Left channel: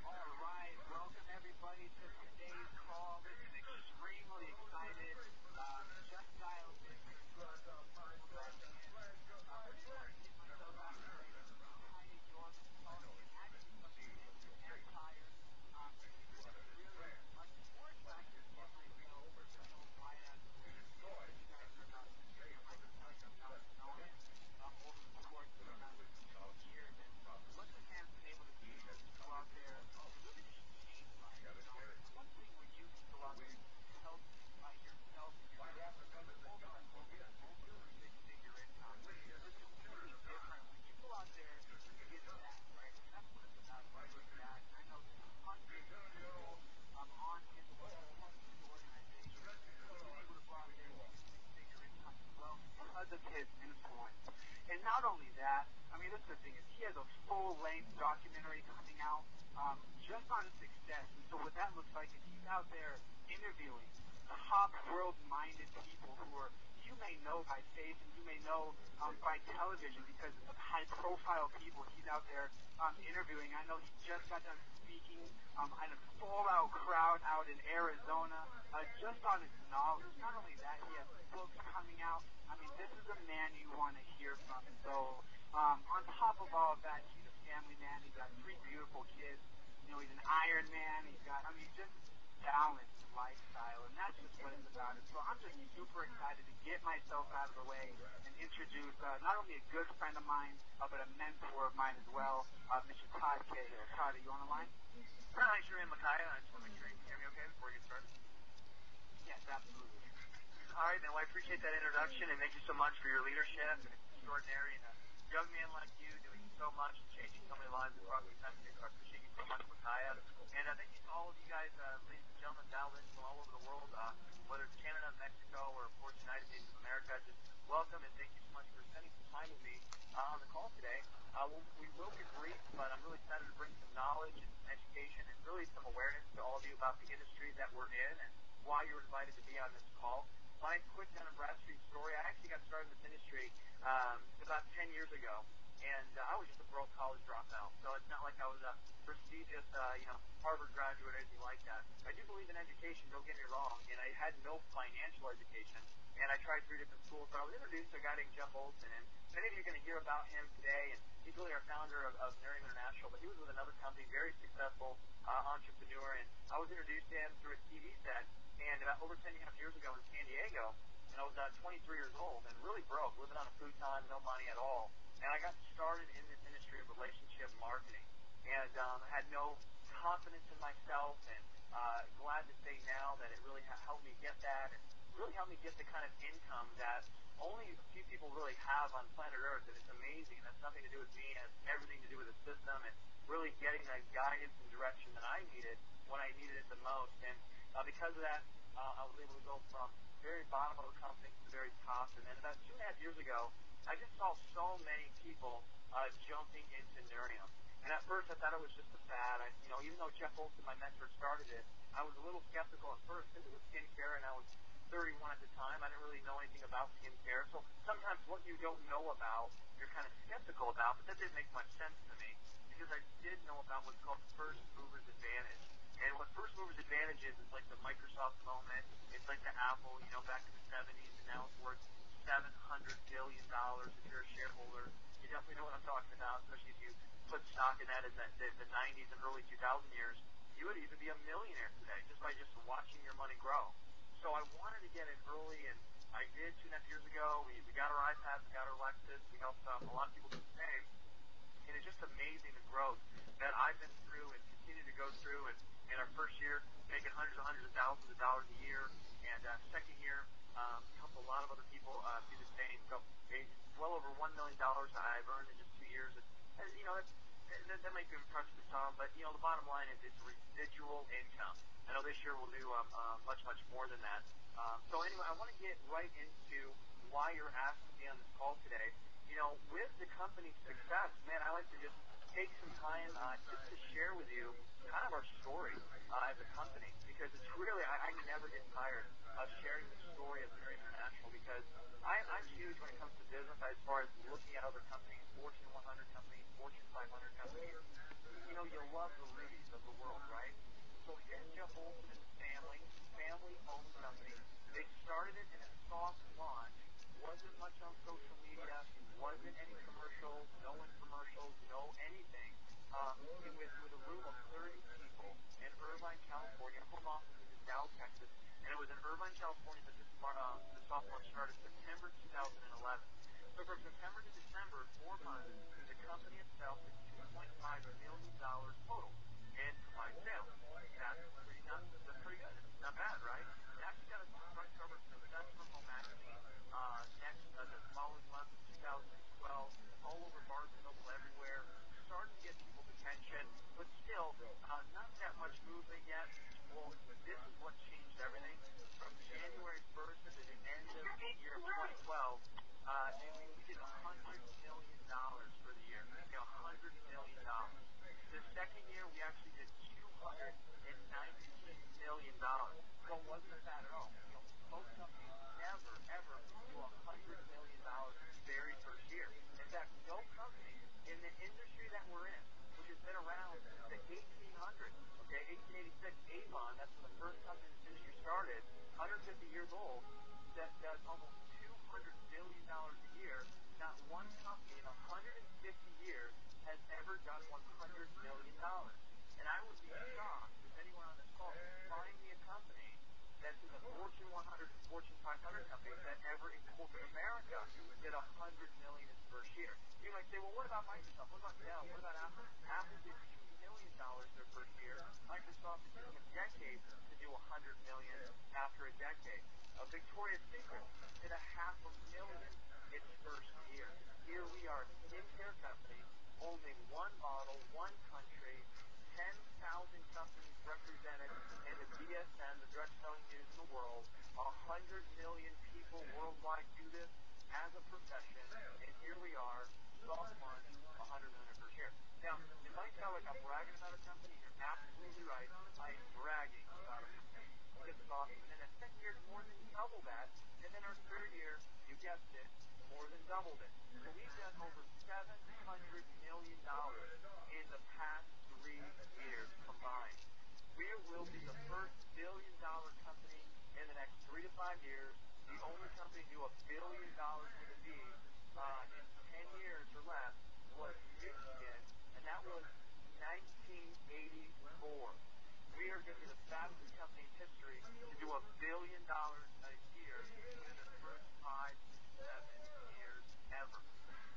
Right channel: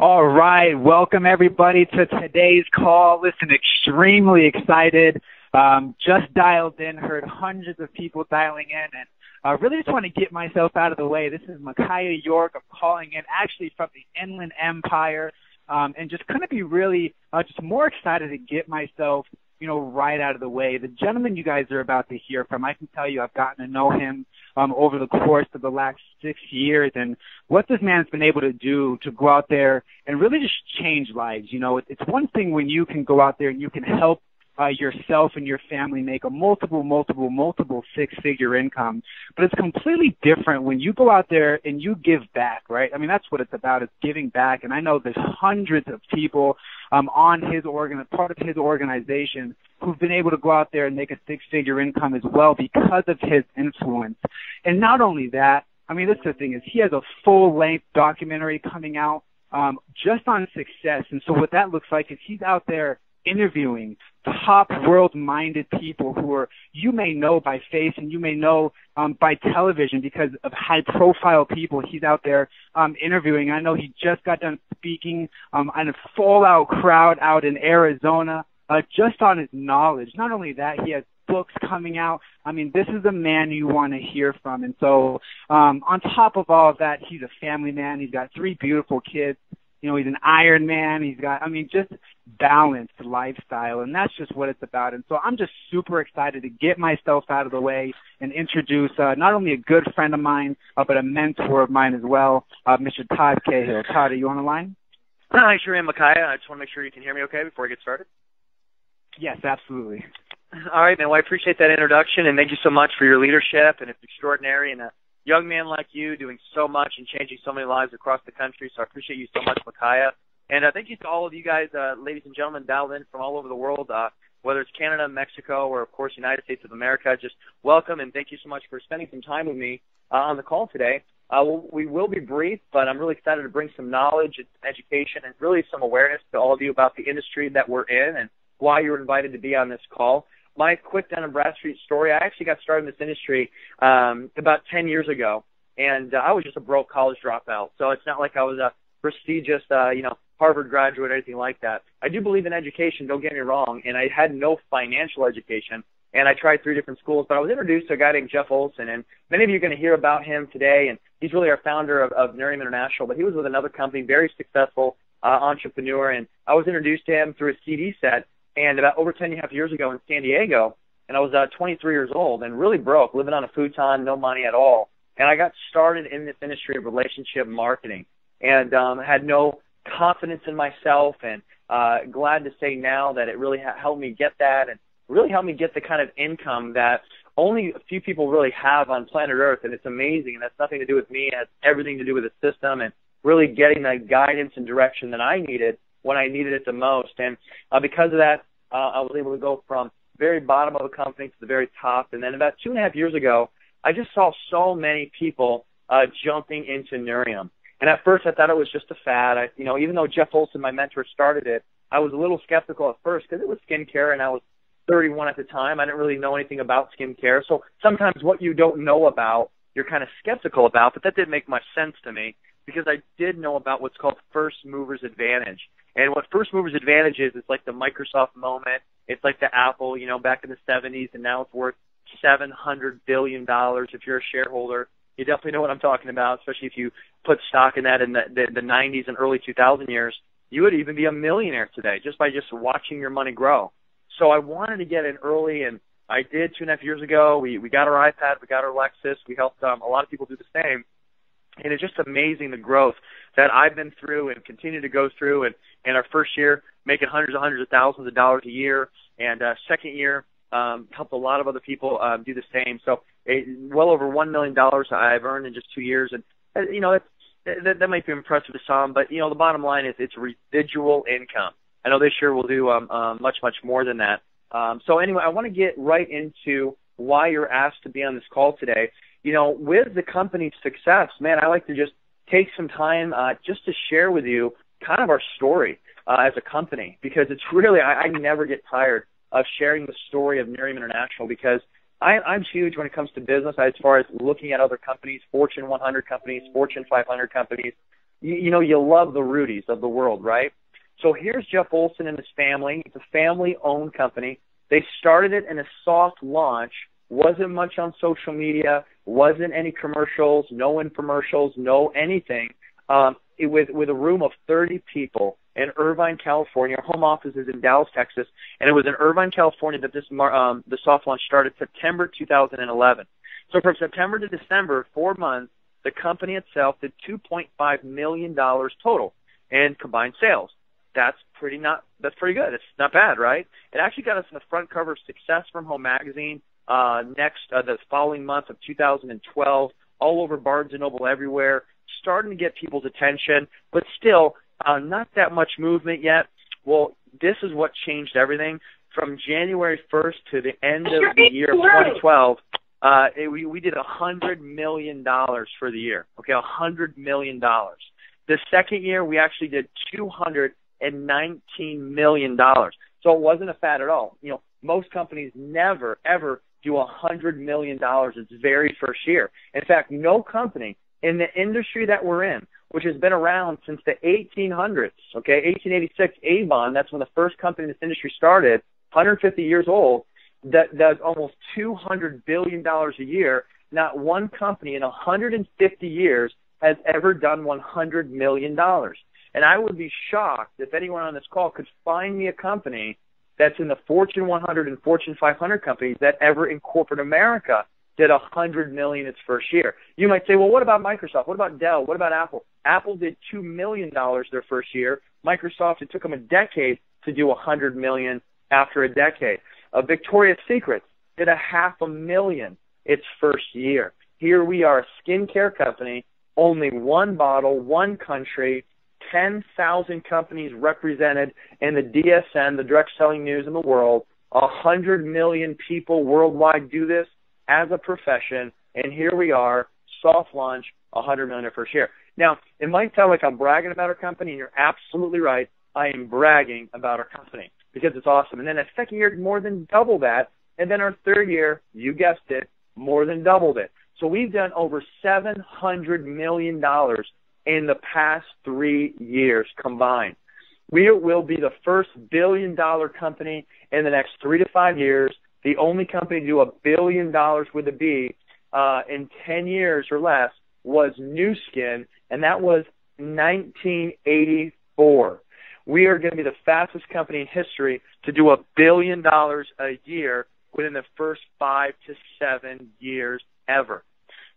All right, welcome everybody to today's call. Listen, extremely excited. Just dialed in, heard hundreds of people dialing in, and really just want to get myself out of the way. This is Micaiah York. I'm calling in actually from the Inland Empire, and just going to be really just more excited to get myself, right out of the way. The gentleman you guys are about to hear from, I can tell you I've gotten to know him over the course of the last 6 years, and what this man's been able to do to go out there and really just change lives. It's one thing when you can go out there and you can help yourself and your family make a multiple six-figure income. But it's completely different when you go out there and you give back, right? I mean, that's what it's about, is giving back. And I know there's hundreds of people on his part of his organization who've been able to go out there and make a six-figure income as well because of his influence. And not only that, I mean, this is the thing, is he has a full-length documentary coming out just on success. And so what that looks like is he's out there interviewing top world-minded people who are, you may know by face and you may know by television because of high-profile people he's out there interviewing. I know he just got done speaking on a full-out crowd out in Arizona just on his knowledge. Not only that, he has books coming out. I mean, this is a man you want to hear from. And so on top of all of that, he's a family man. He's got 3 beautiful kids. He's an Iron Man. He's got, just balanced lifestyle, and that's just what it's about. And so I'm just super excited to get myself out of the way and introduce not only a good friend of mine, but a mentor of mine as well, Mr. Todd Cahill. Todd, are you on the line? I sure am, Micaiah. I just want to make sure you can hear me okay before we get started. Yes, absolutely. All right, man. Well, I appreciate that introduction, and thank you so much for your leadership, and it's extraordinary, and a young man like you doing so much and changing so many lives across the country, so I appreciate you so much, Micaiah. And thank you to all of you guys, ladies and gentlemen, dialed in from all over the world, whether it's Canada, Mexico, or, of course, United States of America. Just welcome, and thank you so much for spending some time with me on the call today. We will be brief, but I'm really excited to bring some knowledge and education and really some awareness to all of you about the industry that we're in and why you're invited to be on this call. My quick Dun & Bradstreet story, I actually got started in this industry about 10 years ago, and I was just a broke college dropout. So it's not like I was a prestigious, Harvard graduate or anything like that. I do believe in education, don't get me wrong, and I had no financial education, and I tried 3 different schools, but I was introduced to a guy named Jeff Olson, and many of you are going to hear about him today, and he's really our founder of Nerium International, but he was with another company, very successful entrepreneur, and I was introduced to him through a CD set, and about over 10.5 years ago in San Diego, and I was 23 years old and really broke, living on a futon, no money at all, and I got started in this industry of relationship marketing, and had no confidence in myself, and glad to say now that it really helped me get that and really helped me get the kind of income that only a few people really have on planet Earth, and it's amazing, and that's nothing to do with me. It has everything to do with the system and really getting the guidance and direction that I needed when I needed it the most. And because of that, I was able to go from very bottom of a company to the very top. And then about 2.5 years ago, I just saw so many people jumping into Nerium. And at first, I thought it was just a fad. Even though Jeff Olson, my mentor, started it, I was a little skeptical at first because it was skincare, and I was 31 at the time. I didn't really know anything about skincare. So sometimes what you don't know about, you're kind of skeptical about, but that didn't make much sense to me because I did know about what's called first mover's advantage. And what first mover's advantage is, it's like the Microsoft moment. It's like the Apple, back in the 70s, and now it's worth $700 billion if you're a shareholder. You definitely know what I'm talking about, especially if you put stock in that in the 90s and early 2000 years. You would even be a millionaire today just by just watching your money grow. So I wanted to get in early, and I did 2.5 years ago. We got our iPad, we got our Lexus. We helped a lot of people do the same. And it's just amazing the growth that I've been through and continue to go through. And in our first year, making hundreds of thousands of dollars a year. And second year, helped a lot of other people do the same. So well over $1 million I've earned in just 2 years. And, that might be impressive to some. But, the bottom line is it's residual income. I know this year we'll do much more than that. So anyway, I want to get right into why you're asked to be on this call today. With the company's success, man, I like to just take some time just to share with you kind of our story as a company, because it's really, I never get tired of sharing the story of Nerium International, because I'm huge when it comes to business as far as looking at other companies, Fortune 100 companies, Fortune 500 companies, you love the Rudies of the world, right? So here's Jeff Olson and his family. It's a family-owned company. They started it in a soft launch. Wasn't much on social media. Wasn't any commercials. No infomercials. No anything. With a room of 30 people in Irvine, California. Our home office is in Dallas, Texas, and it was in Irvine, California that the soft launch started September 2011. So from September to December, 4 months, the company itself did $2.5 million total in combined sales. That's pretty good. It's not bad, right? It actually got us in the front cover of Success from Home magazine the following month of 2012, all over Barnes & Noble everywhere, starting to get people's attention, but still not that much movement yet. Well, this is what changed everything. From January 1st to the end of the year of 2012, we did $100 million for the year. Okay, $100 million. The second year, we actually did $219 million. So it wasn't a fad at all. Most companies never, ever do $100 million its very first year. In fact, no company in the industry that we're in, which has been around since the 1800s, okay, 1886, Avon, that's when the first company in this industry started, 150 years old, that does almost $200 billion a year. Not one company in 150 years has ever done $100 million. And I would be shocked if anyone on this call could find me a company that's in the Fortune 100 and Fortune 500 companies that ever in corporate America did $100 million its first year. You might say, well, what about Microsoft? What about Dell? What about Apple? Apple did $2 million their first year. Microsoft, it took them a decade to do $100 million after a decade. Victoria's Secret did $500,000 its first year. Here we are, a skincare company, only one bottle, one country, 10,000 companies represented in the DSN, the direct selling news in the world. 100 million people worldwide do this as a profession, and here we are, soft launch, 100 million our first year. Now, it might sound like I'm bragging about our company, and you're absolutely right. I am bragging about our company because it's awesome. And then the second year, more than double that, and then our third year, you guessed it, more than doubled it. So we've done over $700 million in the past 3 years combined. We will be the first billion-dollar company in the next 3 to 5 years, the only company to do $1 billion with a B in 10 years or less was Nu Skin, and that was 1984. We are going to be the fastest company in history to do $1 billion a year within the first 5 to 7 years ever.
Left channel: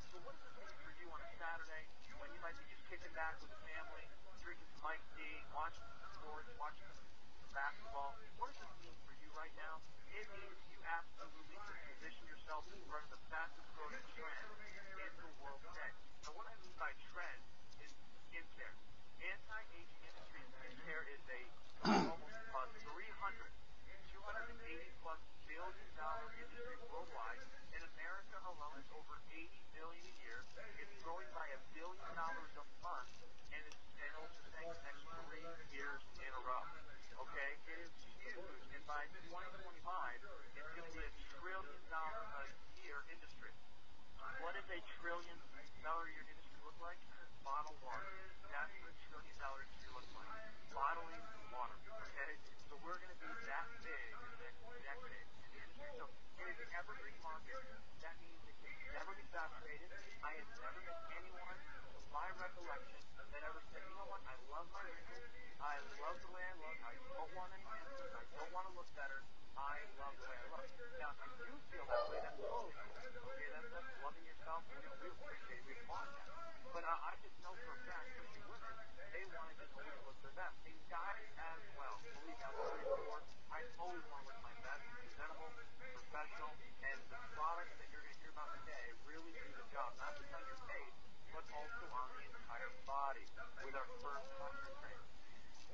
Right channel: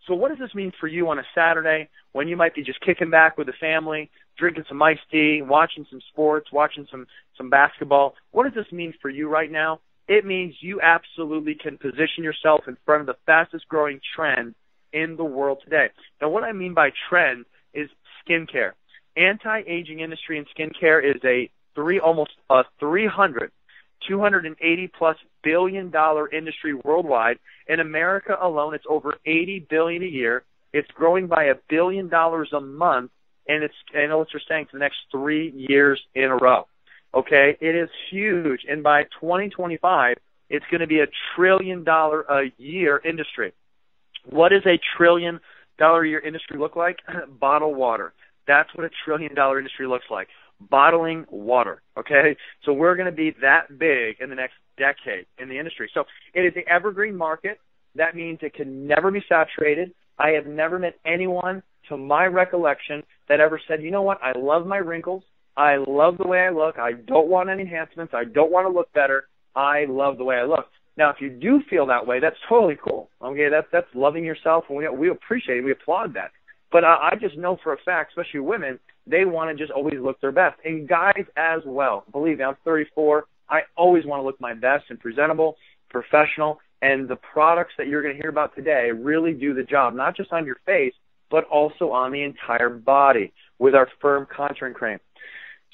So what does this mean for you on a Saturday when you might be just kicking back with the family, drinking some iced tea, watching some sports, watching some basketball? What does this mean for you right now? It means you absolutely can position yourself in front of the fastest growing trend in the world today. Now, what I mean by trend is skincare. Anti-aging industry in skincare is almost a 280 plus $1 billion industry worldwide. In America alone, it's over $80 billion a year. It's growing by $1 billion a month, and it's analysts are saying for the next 3 years in a row. Okay, it is huge, and by 2025, it's going to be $1 trillion a year industry. What does $1 trillion a year industry look like? Bottled water. That's what $1 trillion industry looks like. Bottling water. Okay, so we're going to be that big in the next decade in the industry. So it is an evergreen market. That means it can never be saturated. I have never met anyone, to my recollection, that ever said, you know what, I love my wrinkles. I love the way I look. I don't want any enhancements. I don't want to look better. I love the way I look. Now, if you do feel that way, that's totally cool. Okay, that's loving yourself, and we appreciate it. We applaud that. But I just know for a fact, especially women, they want to just always look their best. And guys as well. Believe me, I'm 34. I always want to look my best and presentable, professional, and the products that you're going to hear about today really do the job, not just on your face, but also on the entire body with our firm contouring cream.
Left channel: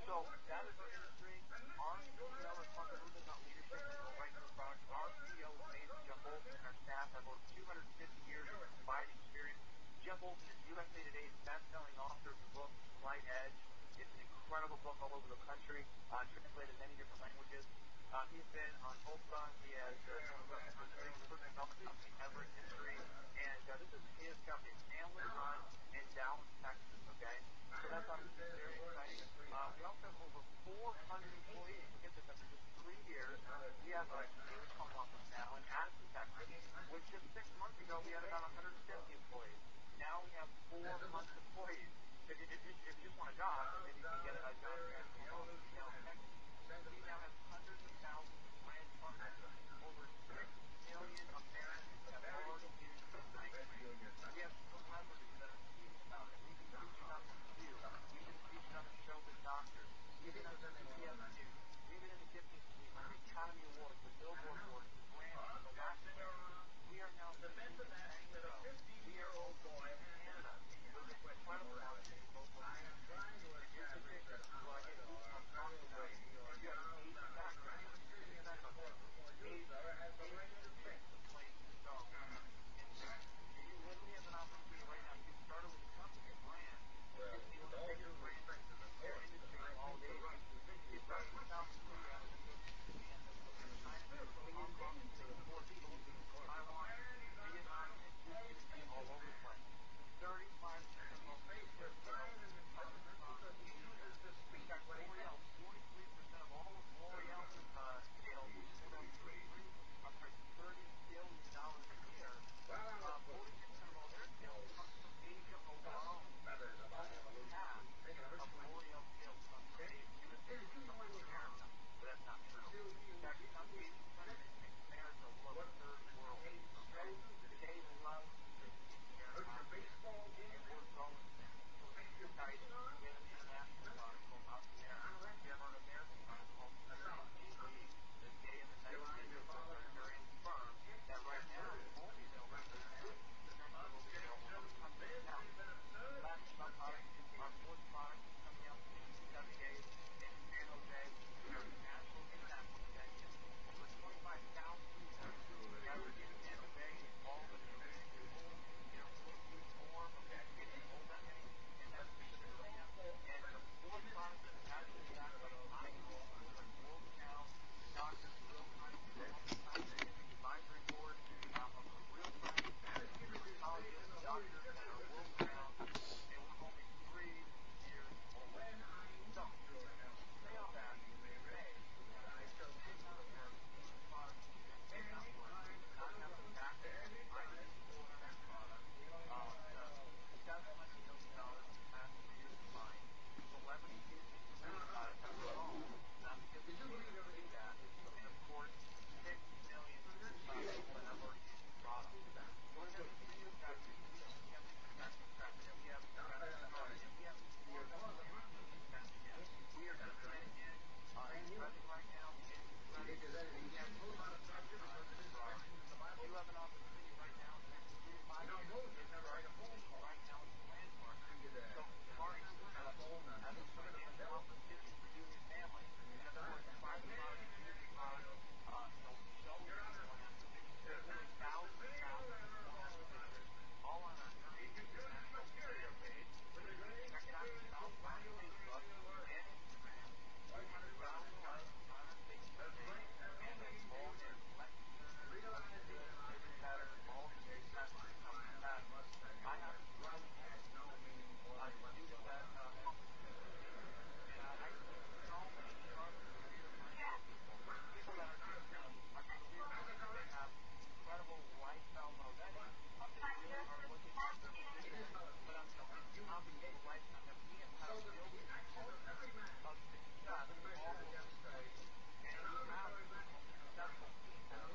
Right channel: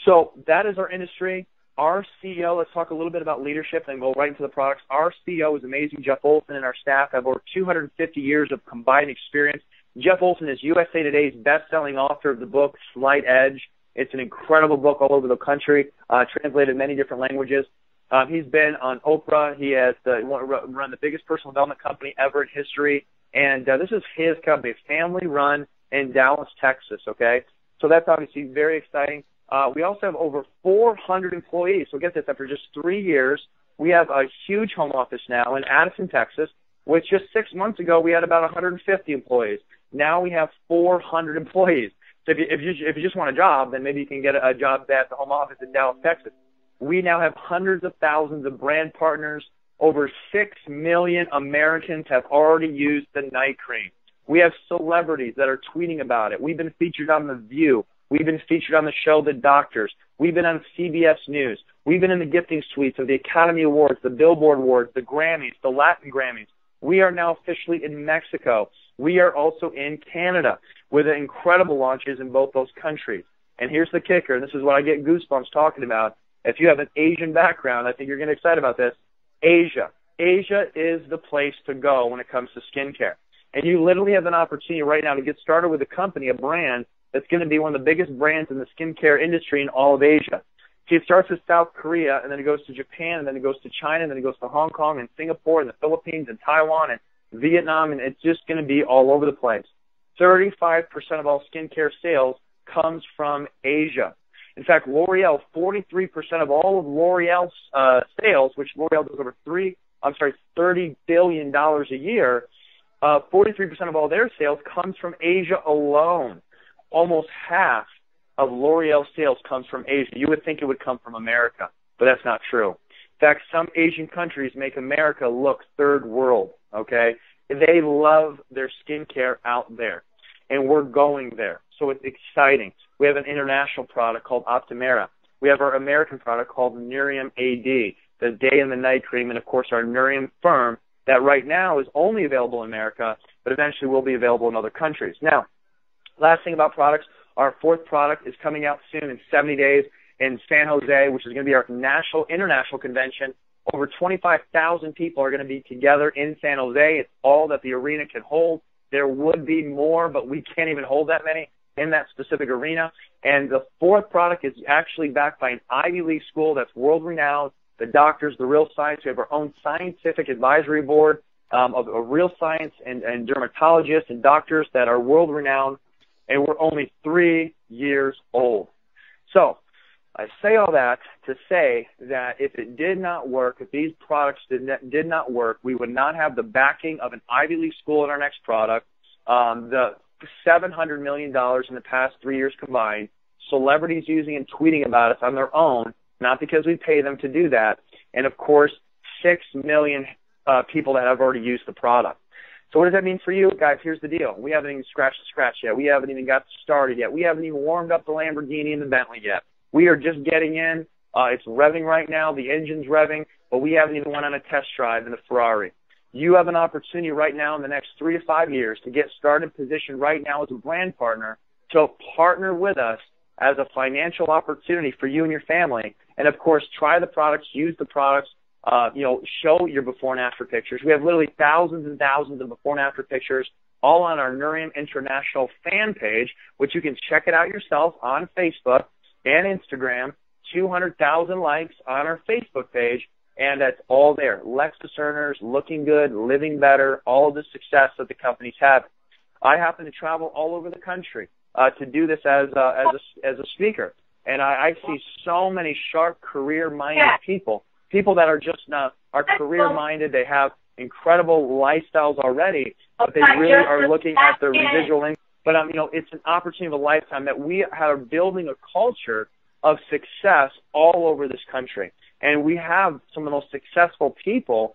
So that is our industry. Our CEO, let's talk a little bit about leadership and go right into the products. Our CEO is amazing. Jeff Olson and our staff have over 250 years of combined experience. Jeff Olson is USA Today's best-selling author of the book Slight Edge. It's an incredible book all over the country, translated in many different languages. He's been on Oprah. He has run the biggest personal development company ever in history. And this is his company. It's family-run in Dallas, Texas, okay? So that's obviously very exciting. We also have over 400 employees. So get this, after just 3 years, we have a huge home office now in Addison, Texas, which just 6 months ago we had about 150 employees. Now we have 400 employees. So if you just want a job, then maybe you can get a job at the home office in Dallas, Texas. We now have hundreds of thousands of brand partners. Over 6 million Americans have already used the night cream. We have celebrities that are tweeting about it. We've been featured on The View. We've been featured on the show The Doctors. We've been on CBS News. We've been in the gifting suites of the Academy Awards, the Billboard Awards, the Grammys, the Latin Grammys. We are now officially in Mexico. We are also in Canada with incredible launches in both those countries. And here's the kicker, and this is what I get goosebumps talking about. If you have an Asian background, I think you're going to get excited about this. Asia. Asia is the place to go when it comes to skincare. And you literally have an opportunity right now to get started with a company, a brand, that's going to be one of the biggest brands in the skincare industry in all of Asia. See, it starts with South Korea, and then it goes to Japan, and then it goes to China, and then it goes to Hong Kong and Singapore and the Philippines and Taiwan and Vietnam, and it's just going to be all over the place. 35% of all skincare sales comes from Asia. In fact, L'Oreal, 43% of all of L'Oreal's sales, which L'Oreal does over $30 billion a year, 43% of all their sales comes from Asia alone. Almost half of L'Oreal's sales comes from Asia. You would think it would come from America, but that's not true. In fact, some Asian countries make America look third world, okay? They love their skincare out there, and we're going there. So it's exciting. We have an international product called Optimera. We have our American product called Nerium AD, the day and the night cream, and, of course, our Nerium Firm that right now is only available in America, but eventually will be available in other countries. Now, last thing about products, our fourth product is coming out soon in 70 days in San Jose, which is going to be our international convention. Over 25,000 people are going to be together in San Jose. It's all that the arena can hold. There would be more, but we can't even hold that many in that specific arena. And the fourth product is actually backed by an Ivy League school that's world-renowned, the doctors, the real science. We have our own scientific advisory board of real science and dermatologists and doctors that are world-renowned, and we're only 3 years old. So I say all that to say that if it did not work, if these products did not work, we would not have the backing of an Ivy League school in our next product, the $700 million in the past 3 years combined, celebrities using and tweeting about us on their own, not because we pay them to do that, and, of course, 6 million people that have already used the product. So what does that mean for you? Guys, here's the deal. We haven't even scratched the scratch yet. We haven't even got started yet. We haven't even warmed up the Lamborghini and the Bentley yet. We are just getting in. It's revving right now. The engine's revving, but we haven't even went on a test drive in a Ferrari. You have an opportunity right now in the next 3 to 5 years to get started, positioned right now as a brand partner, to partner with us as a financial opportunity for you and your family. And, of course, try the products, use the products, show your before and after pictures. We have literally thousands and thousands of before and after pictures all on our Nerium International fan page, which you can check it out yourself on Facebook and Instagram. 200,000 likes on our Facebook page, and that's all there. Lexus earners, looking good, living better, all of the success that the company's having. I happen to travel all over the country to do this as a speaker, and I see so many sharp, career-minded people that are just are career-minded. They have incredible lifestyles already, but they really are looking at their residual income. But it's an opportunity of a lifetime that we are building a culture of success all over this country. And we have some of the most successful people,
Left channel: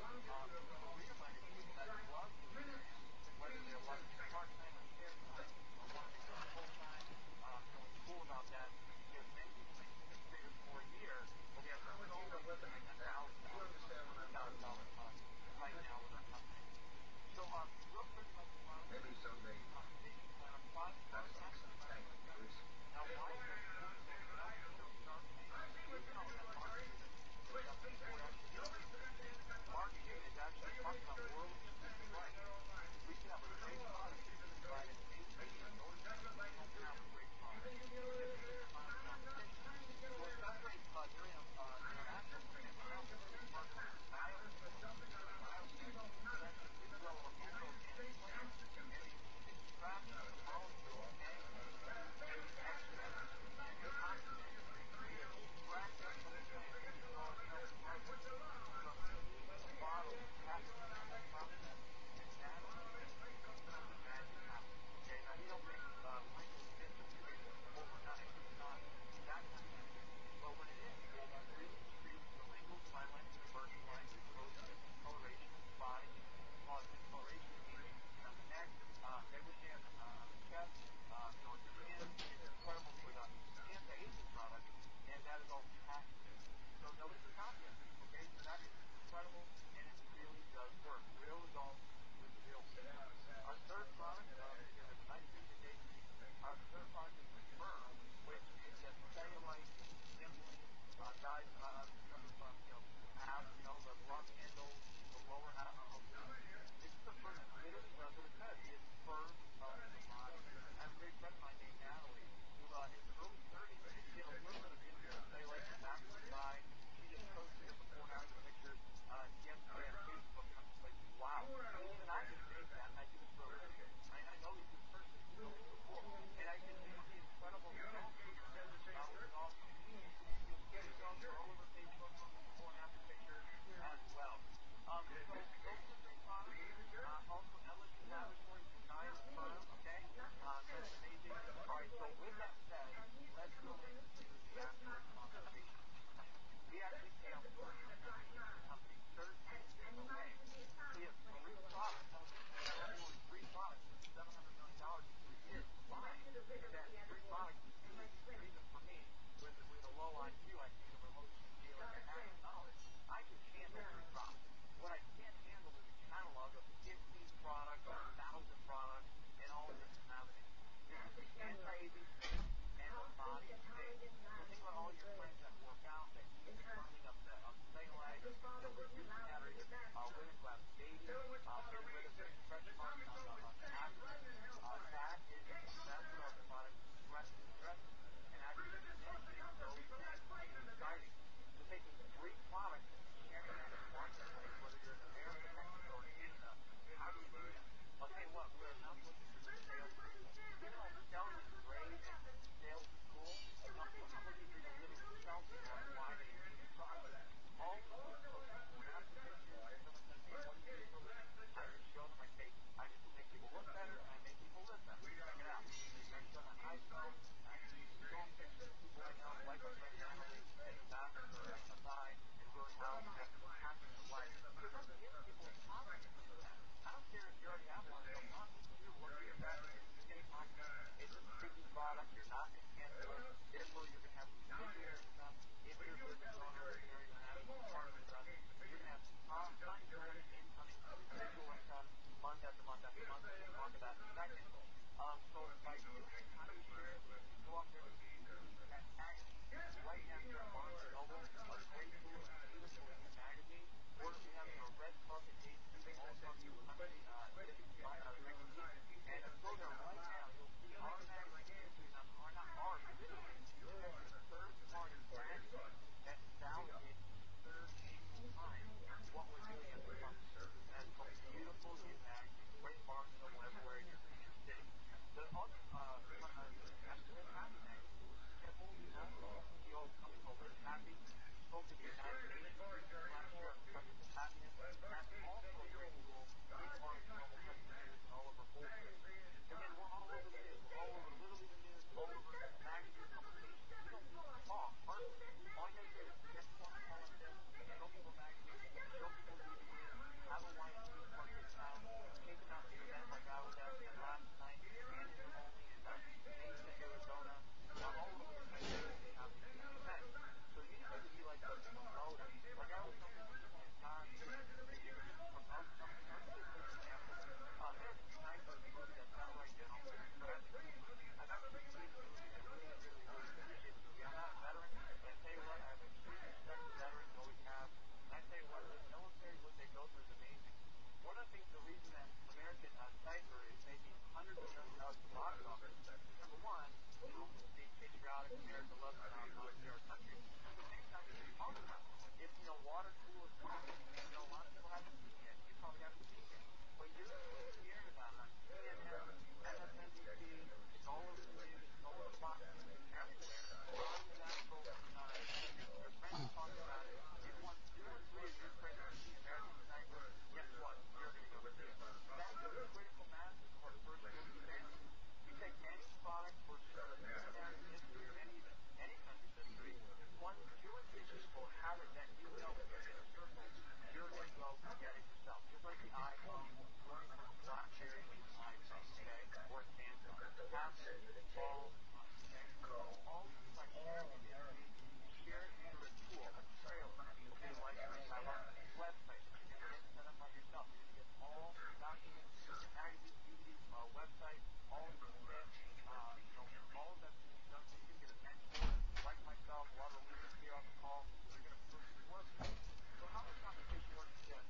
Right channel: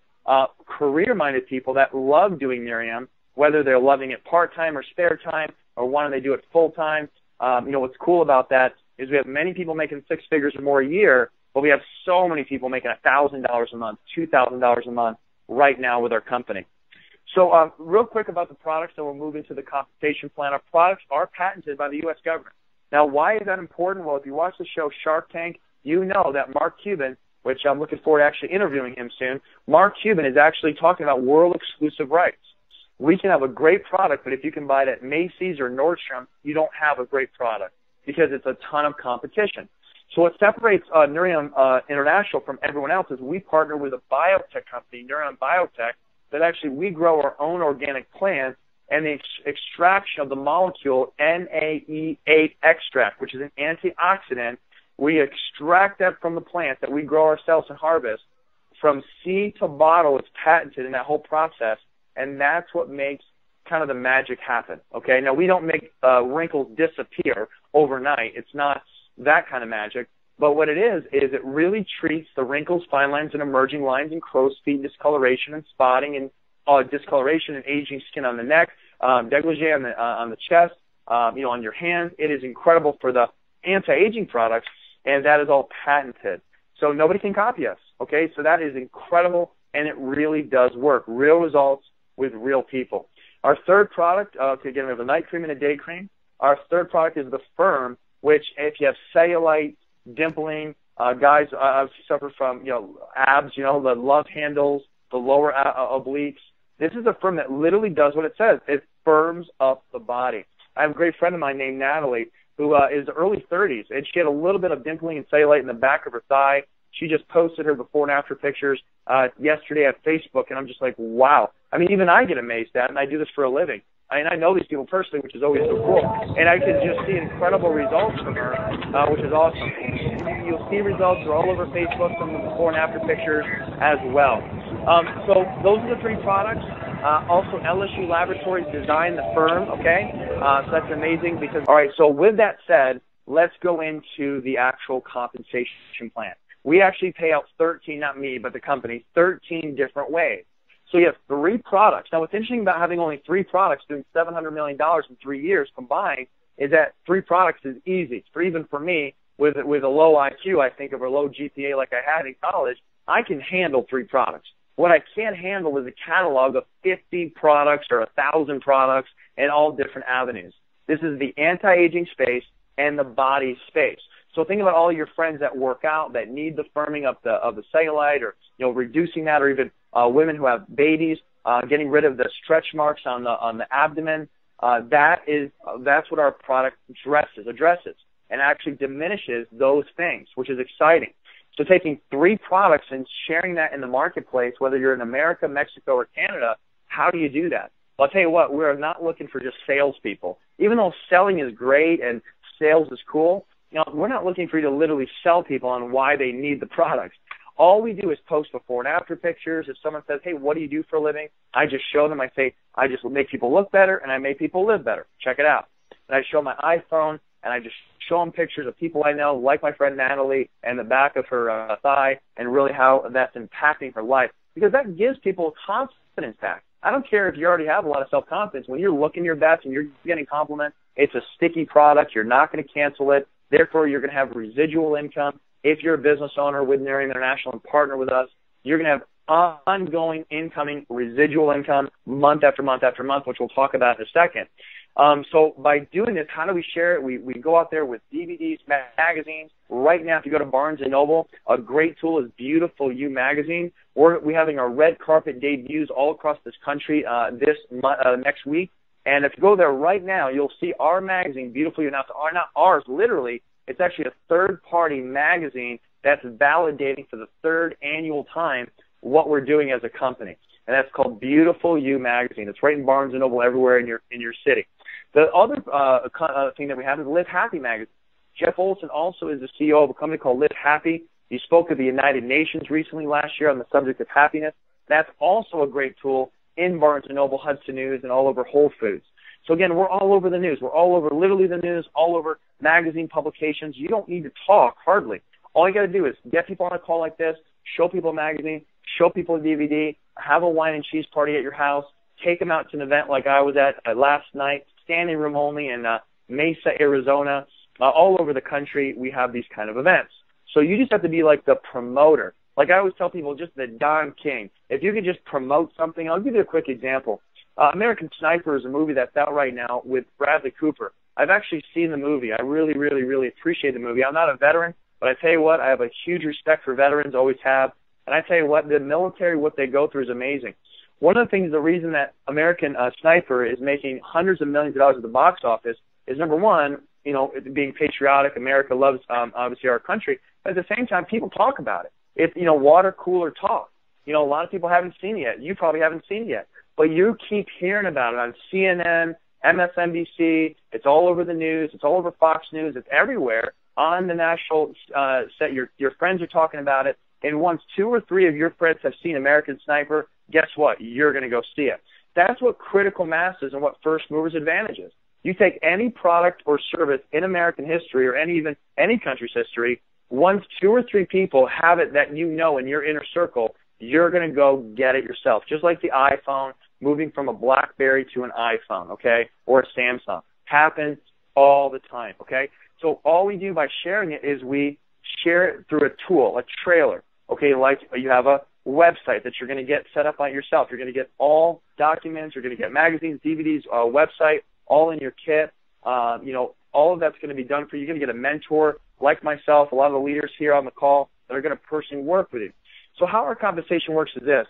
career-minded people that love doing Nerium, whether they're loving it part-time or spare time or why don't they do it full-time. What's cool about that is we have many people making 6 figures or more a year, but we have so many people making $1,000 a month, $2,000 a month right now with our company. So real quick about the products, and we'll move into the compensation plan. Our products are patented by the U.S. government. Now, why is that important? Well, if you watch the show Shark Tank, you know that Mark Cuban, which I'm looking forward to actually interviewing him soon, Mark Cuban is actually talking about world-exclusive rights. We can have a great product, but if you can buy it at Macy's or Nordstrom, you don't have a great product because it's a ton of competition. So what separates Nerium International from everyone else is we partner with a biotech company, Nerium Biotech, that actually we grow our own organic plants, and the extraction of the molecule NAE8 extract, which is an antioxidant. We extract that from the plant that we grow ourselves and harvest. From seed to bottle, it's patented in that whole process, and that's what makes kind of the magic happen. Okay, now we don't make wrinkles disappear overnight. It's not that kind of magic. But what it is it really treats the wrinkles, fine lines, and emerging lines, and crow's feet discoloration and spotting, and discoloration and aging skin on the neck, dégagé on the chest, on your hands. It is incredible for the anti-aging products, and that is all patented. So nobody can copy us. Okay, so that is incredible, and it really does work. Real results with real people. Our third product, again, we have a night cream and a day cream. Our third product is the Firm, which if you have cellulite, dimpling, guys suffer from abs, the love handles, the lower obliques. This is a Firm that literally does what it says. It firms up the body. I have a great friend of mine named Natalie who is early 30s, and she had a little bit of dimpling and cellulite in the back of her thigh. She just posted her before and after pictures yesterday on Facebook, and I'm just like, wow. I mean, even I get amazed at it, and I do this for a living. I mean, I know these people personally, which is always so cool. And I can just see incredible results from her, which is awesome. You'll see results. They're all over Facebook, some of the before and after pictures as well. So those are the three products. Also, LSU Laboratories designed the Firm, okay? So that's amazing because, all right, so with that said, let's go into the actual compensation plan. We actually pay out 13, not me, but the company, 13 different ways. So you have 3 products. Now, what's interesting about having only 3 products doing $700 million in 3 years combined is that 3 products is easy. Even for me, with a low IQ, I think, of a low GPA like I had in college, I can handle 3 products. What I can't handle is a catalog of 50 products or 1,000 products in all different avenues. This is the anti-aging space and the body space. So think about all your friends that work out that need the firming of the cellulite, or reducing that, or even women who have babies, getting rid of the stretch marks on the abdomen. That's what our product addresses, and actually diminishes those things, which is exciting. So taking 3 products and sharing that in the marketplace, whether you're in America, Mexico, or Canada, how do you do that? Well, I'll tell you what, we're not looking for just salespeople. Even though selling is great and sales is cool, we're not looking for you to literally sell people on why they need the products. All we do is post before and after pictures. If someone says, hey, what do you do for a living? I just show them. I say, I just make people look better, and I make people live better. Check it out. And I show my iPhone, and I just show them pictures of people I know, like my friend Natalie, and the back of her thigh, and really how that's impacting her life. Because that gives people confidence back. I don't care if you already have a lot of self-confidence. When you're looking your best and you're getting compliments, it's a sticky product. You're not going to cancel it. Therefore, you're going to have residual income. If you're a business owner with Nerium International and partner with us, you're going to have ongoing incoming residual income month after month after month, which we'll talk about in a second. So by doing this, how do we share it? We go out there with DVDs, magazines. Right now, if you go to Barnes & Noble, a great tool is Beautiful You magazine. We're having our red carpet debuts all across this country next week. And if you go there right now, you'll see our magazine, Beautiful You. Now, it's not ours, literally. It's actually a third-party magazine that's validating for the 3rd annual time what we're doing as a company. And that's called Beautiful You magazine. It's right in Barnes & Noble everywhere in your city. The other thing that we have is Live Happy magazine. Jeff Olson also is the CEO of a company called Live Happy. He spoke at the United Nations recently last year on the subject of happiness. That's also a great tool in Barnes & Noble, Hudson News, and all over Whole Foods. So again, we're all over the news. We're all over literally the news, all over magazine publications. You don't need to talk hardly. All you got to do is get people on a call like this, show people a magazine, show people a DVD, have a wine and cheese party at your house, take them out to an event like I was at last night, standing room only in Mesa, Arizona. All over the country, we have these kind of events. So you just have to be like the promoter. Like I always tell people, just the Don King. If you could just promote something, I'll give you a quick example. American Sniper is a movie that's out right now with Bradley Cooper. I've actually seen the movie. I really, really, really appreciate the movie. I'm not a veteran, but I tell you what, I have a huge respect for veterans, always have. And I tell you what, the military, what they go through is amazing. One of the things, the reason that American Sniper is making hundreds of millions of dollars at the box office is, number one, being patriotic. America loves, obviously, our country. But at the same time, people talk about it. It's, water cooler talk. A lot of people haven't seen it yet. You probably haven't seen it yet. but you keep hearing about it on CNN, MSNBC. It's all over the news. It's all over Fox News. It's everywhere on the national set. Your friends are talking about it. And once 2 or 3 of your friends have seen American Sniper, guess what? You're going to go see it. That's what critical mass is and what first movers advantage is. You take any product or service in American history or even any country's history, once 2 or 3 people have it that you know in your inner circle, you're going to go get it yourself. Just like the iPhone moving from a BlackBerry to an iPhone, okay, or a Samsung. Happens all the time, okay? So all we do by sharing it is we share it through a tool, a trailer, okay, like you have a website that you're going to get set up by yourself. You're going to get all documents. You're going to get magazines, DVDs, a website, all in your kit. All of that's going to be done for you. You're going to get a mentor like myself, a lot of the leaders here on the call that are going to personally work with you. So how our compensation works is this.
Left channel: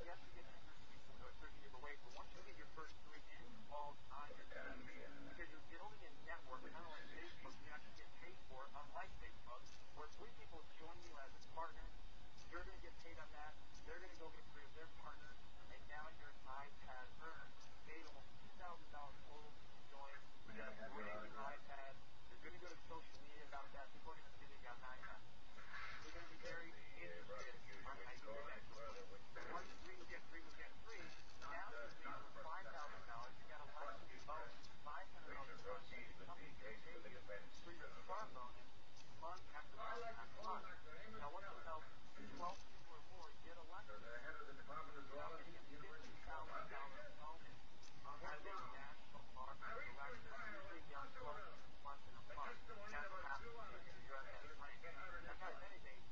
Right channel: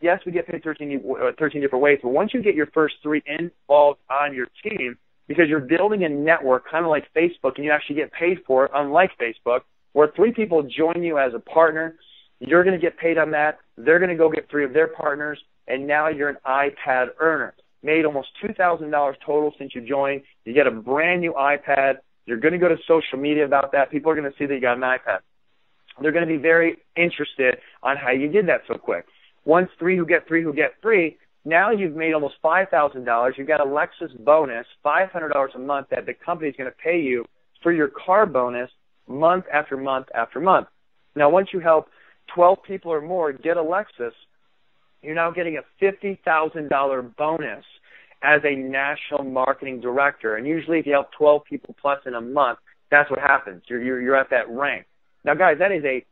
Yes, we get paid 13 different ways, but once you get your first 3 involved on your team, because you're building a network kind of like Facebook, and you actually get paid for it, unlike Facebook, where 3 people join you as a partner, you're going to get paid on that. They're going to go get 3 of their partners, and now you're an iPad earner. Made almost $2,000 total since you joined. You get a brand new iPad. You're going to go to social media about that. People are going to see that you got an iPad. They're going to be very interested on how you did that so quick. Once 3 who get 3, now you've made almost $5,000. You've got a Lexus bonus, $500 a month that the company's going to pay you for your car bonus month after month after month. Now, once you help 12 people or more get a Lexus, you're now getting a $50,000 bonus as a national marketing director. And usually if you help 12 people plus in a month, that's what happens. You're at that rank. Now, guys, that is a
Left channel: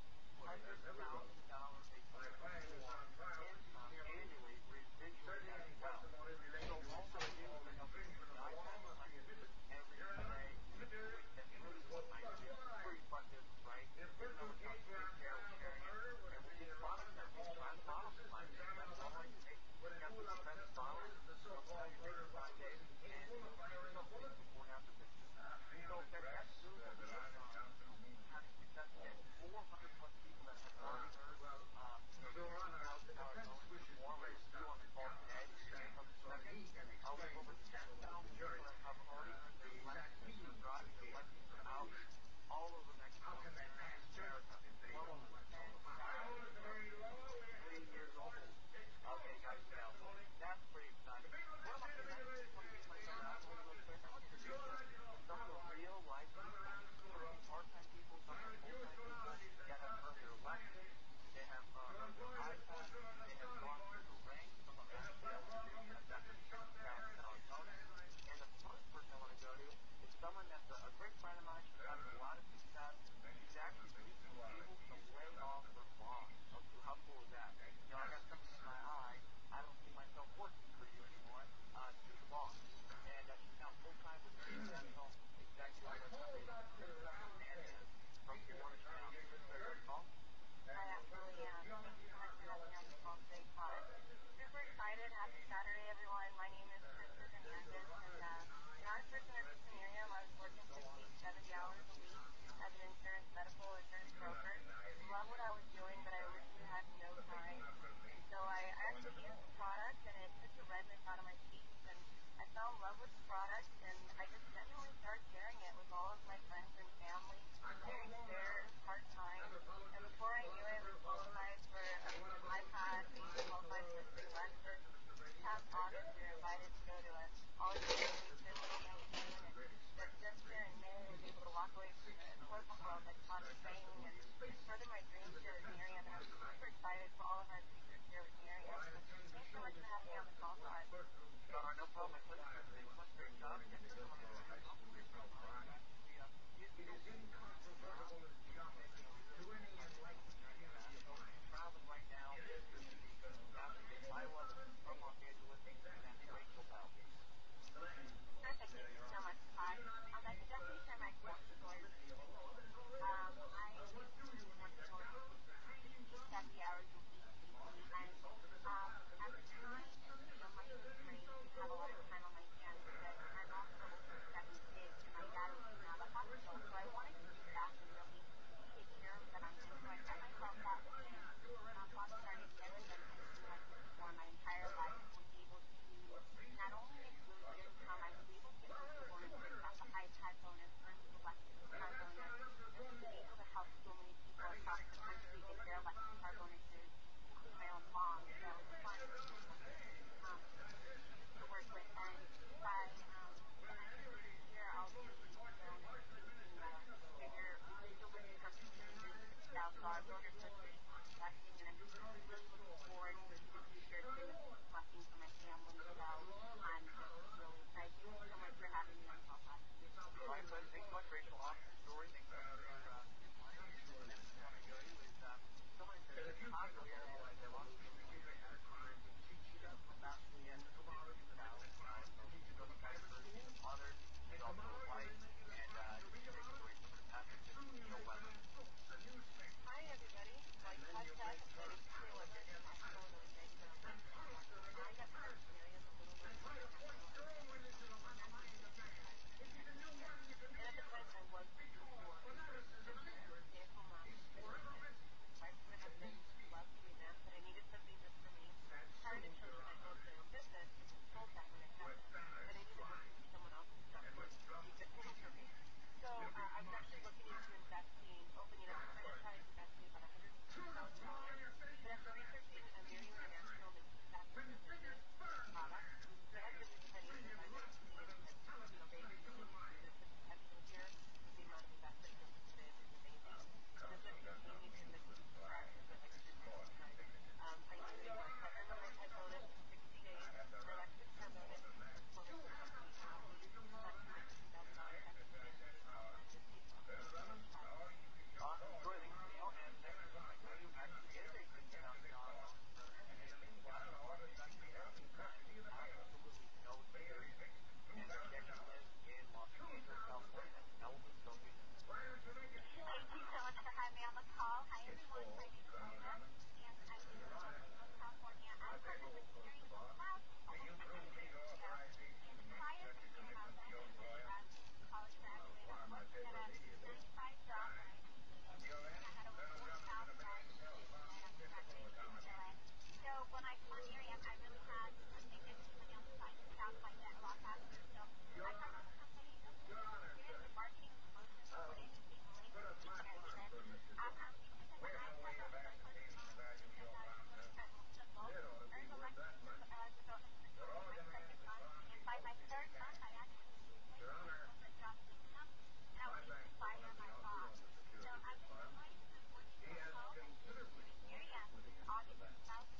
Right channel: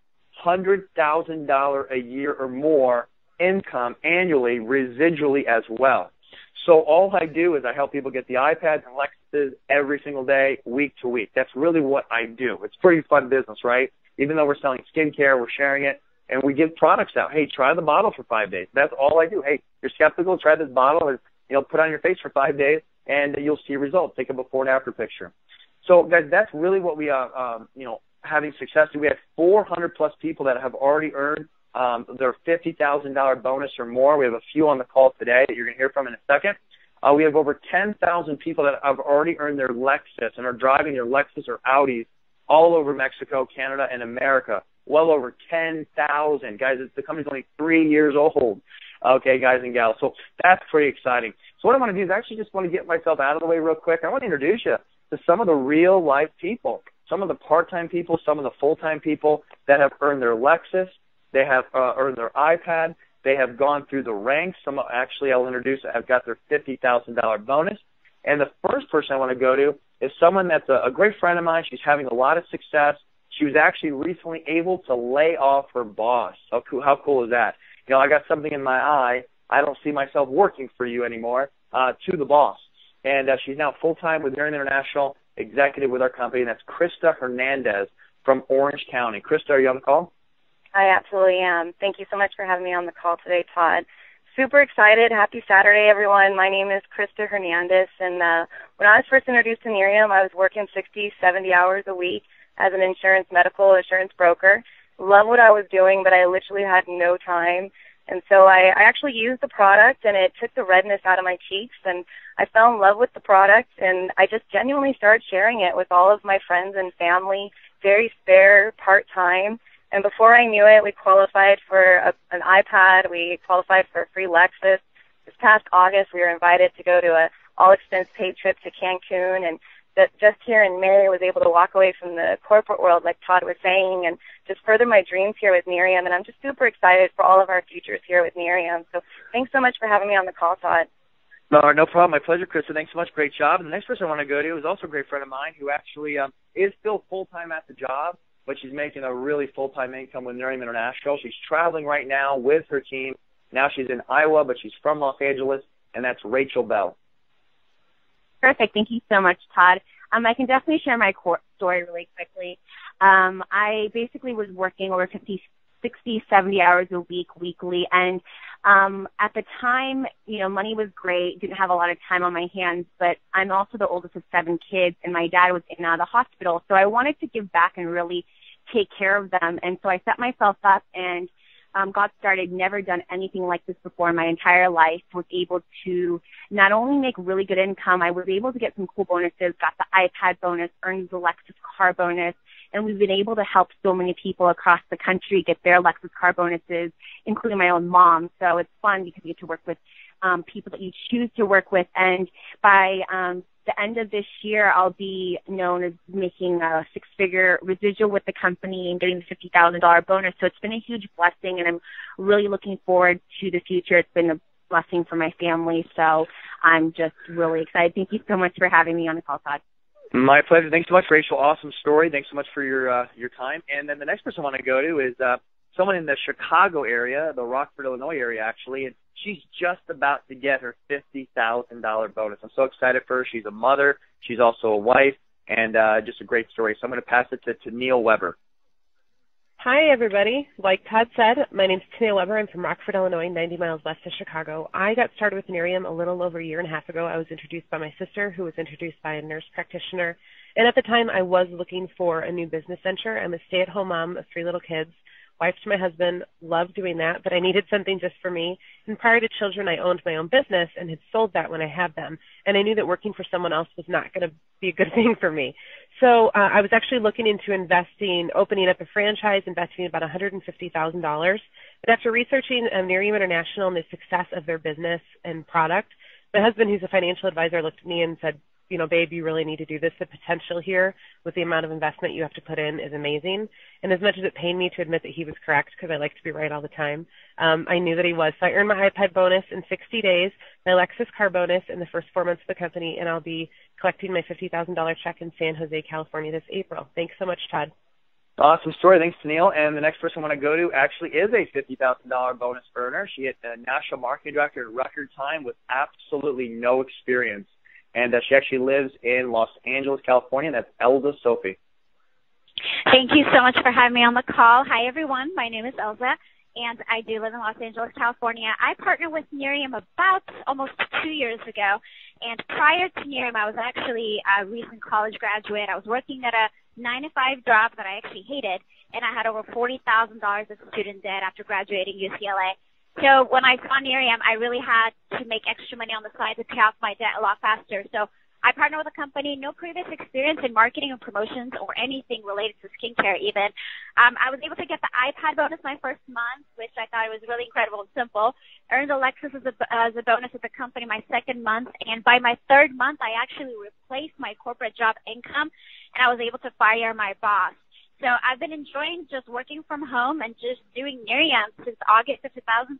$100,000 a year or more income annually, residually as well. So all I do is I help people get the iPads and Lexuses every single day, week to week. That's really what I do. It's pretty fun business, right? Even though we're selling skincare, we're sharing it, and we give products out. Hey, try the bottle for 5 days. That's all I do. Hey, you're skeptical, try this bottle, and put it on your face for 5 days, and you'll see results. Take a before and after picture. So, guys, that's really what we having success. We have 400 plus people that have already earned their $50,000 bonus or more. We have a few on the call today that you're going to hear from in a second. We have over 10,000 people that have already earned their Lexus and are driving their Lexus or Audis all over Mexico, Canada, and America. Well over 10,000. Guys, the company's only 3 years old. Okay, guys and gals. So that's pretty exciting. So what I want to do is actually just want to get myself out of the way real quick. I want to introduce you to some of the real-life people, some of the part-time people, some of the full-time people that have earned their Lexus. They have earned their iPad. They have gone through the ranks. Some actually I'll introduce have got their $50,000 bonus. And the first person I want to go to is someone that's a great friend of mine. She's having a lot of success. She was actually recently able to lay off her boss. How cool is that? I got something in my eye. I don't see myself working for you anymore, to the boss. And she's now full-time with Nerium International, executive with our company, and that's Krista Hernandez from Orange County. Krista, are you on the call? I absolutely am. Thank you so much for having me on the call today, Todd. Super excited. Happy Saturday, everyone. My name is Krista Hernandez, and when I was first introduced to Nerium, I was working 60, 70 hours a week as an medical insurance broker. Love what I was doing, but I literally had no time. And so I actually used the product, and it took the redness out of my cheeks, and I fell in love with the product, and I just genuinely started sharing it with all of my friends and family, very spare, part-time. And before I knew it, we qualified for an iPad. We qualified for a free Lexus. This past August, we were invited to go to an all-expense paid trip to Cancun, and just here in May, I was able to walk away from the corporate world, like Todd was saying, and just further my dreams here with Nerium. And I'm just super excited for all of our futures here with Nerium. So thanks so much for having me on the call, Todd. No problem. My pleasure, Krista. Thanks so much. Great job. And the next person I want to go to is also a great friend of mine who actually is still full-time at the job, but she's making a really full-time income with Nerium International. She's traveling right now with her team. Now she's in Iowa, but she's from Los Angeles, and that's Rachel Bell. Perfect. Thank you so much, Todd. I can definitely share my story really quickly. I basically was working over 50, 60, 70 hours a week, weekly, and at the time, money was great, didn't have a lot of time on my hands, but I'm also the oldest of 7 kids, and my dad was in the hospital, so I wanted to give back and really take care of them, and so I set myself up and got started, never done anything like this before in my entire life, was able to not only make really good income, I was able to get some cool bonuses, got the iPad bonus, earned the Lexus car bonus, and we've been able to help so many people across the country get their Lexus car bonuses, including my own mom. So it's fun because you get to work with people that you choose to work with. And by the end of this year, I'll be known as making a six-figure residual with the company and getting the $50,000 bonus. So it's been a huge blessing, and I'm really looking forward to the future. It's been a blessing for my family, so I'm just really excited. Thank you so much for having me on the call, Todd. My pleasure. Thanks so much, Rachel. Awesome story. Thanks so much for your time. And then the next person I want to go to is someone in the Chicago area, the Rockford, Illinois area, actually, and she's just about to get her $50,000 bonus. I'm so excited for her. She's a mother. She's also a wife, and just a great story. So I'm going to pass it to Neil Weber. Hi, everybody. Like Todd said, my name's Neil Weber. I'm from Rockford, Illinois, 90 miles west of Chicago. I got started with Nerium a little over a year and a half ago. I was introduced by my sister, who was introduced by a nurse practitioner. And at the time, I was looking for a new business venture. I'm a stay-at-home mom of 3 little kids, wife to my husband, love doing that, but I needed something just for me. And prior to children, I owned my own business and had sold that when I had them. And I knew that working for someone else was not going to be a good thing for me. So I was actually looking into opening up a franchise, investing about $150,000. But after researching Nerium International and the success of their business and product, my husband, who's a financial advisor, looked at me and said, babe, you really need to do this. The potential here with the amount of investment you have to put in is amazing. And as much as it pained me to admit that he was correct, because I like to be right all the time, I knew that he was. So I earned my iPad bonus in 60 days, my Lexus car bonus in the first 4 months of the company, and I'll be collecting my $50,000 check in San Jose, California this April. Thanks so much, Todd. Awesome story. Thanks, Neil. And the next person I want to go to actually is a $50,000 bonus earner. She is a national marketing director in record time with absolutely no experience. And she actually lives in Los Angeles, California. That's Elza Sophie. Thank you so much for having me on the call. Hi, everyone. My name is Elza, and I do live in Los Angeles, California. I partnered with Nerium about almost 2 years ago. And prior to Nerium, I was actually a recent college graduate. I was working at a 9-to-5 job that I actually hated, and I had over $40,000 of student debt after graduating UCLA. So when I saw Nerium, I really had to make extra money on the side to pay off my debt a lot faster. So I partnered with a company, no previous experience in marketing and promotions or anything related to skincare even. I was able to get the iPad bonus my first month, which I thought was really incredible and simple. Earned the Lexus as a bonus with the company my second month. And by my third month, I actually replaced my corporate job income, and I was able to fire my boss. So I've been enjoying just working from home and just doing Nerium since August of 2013.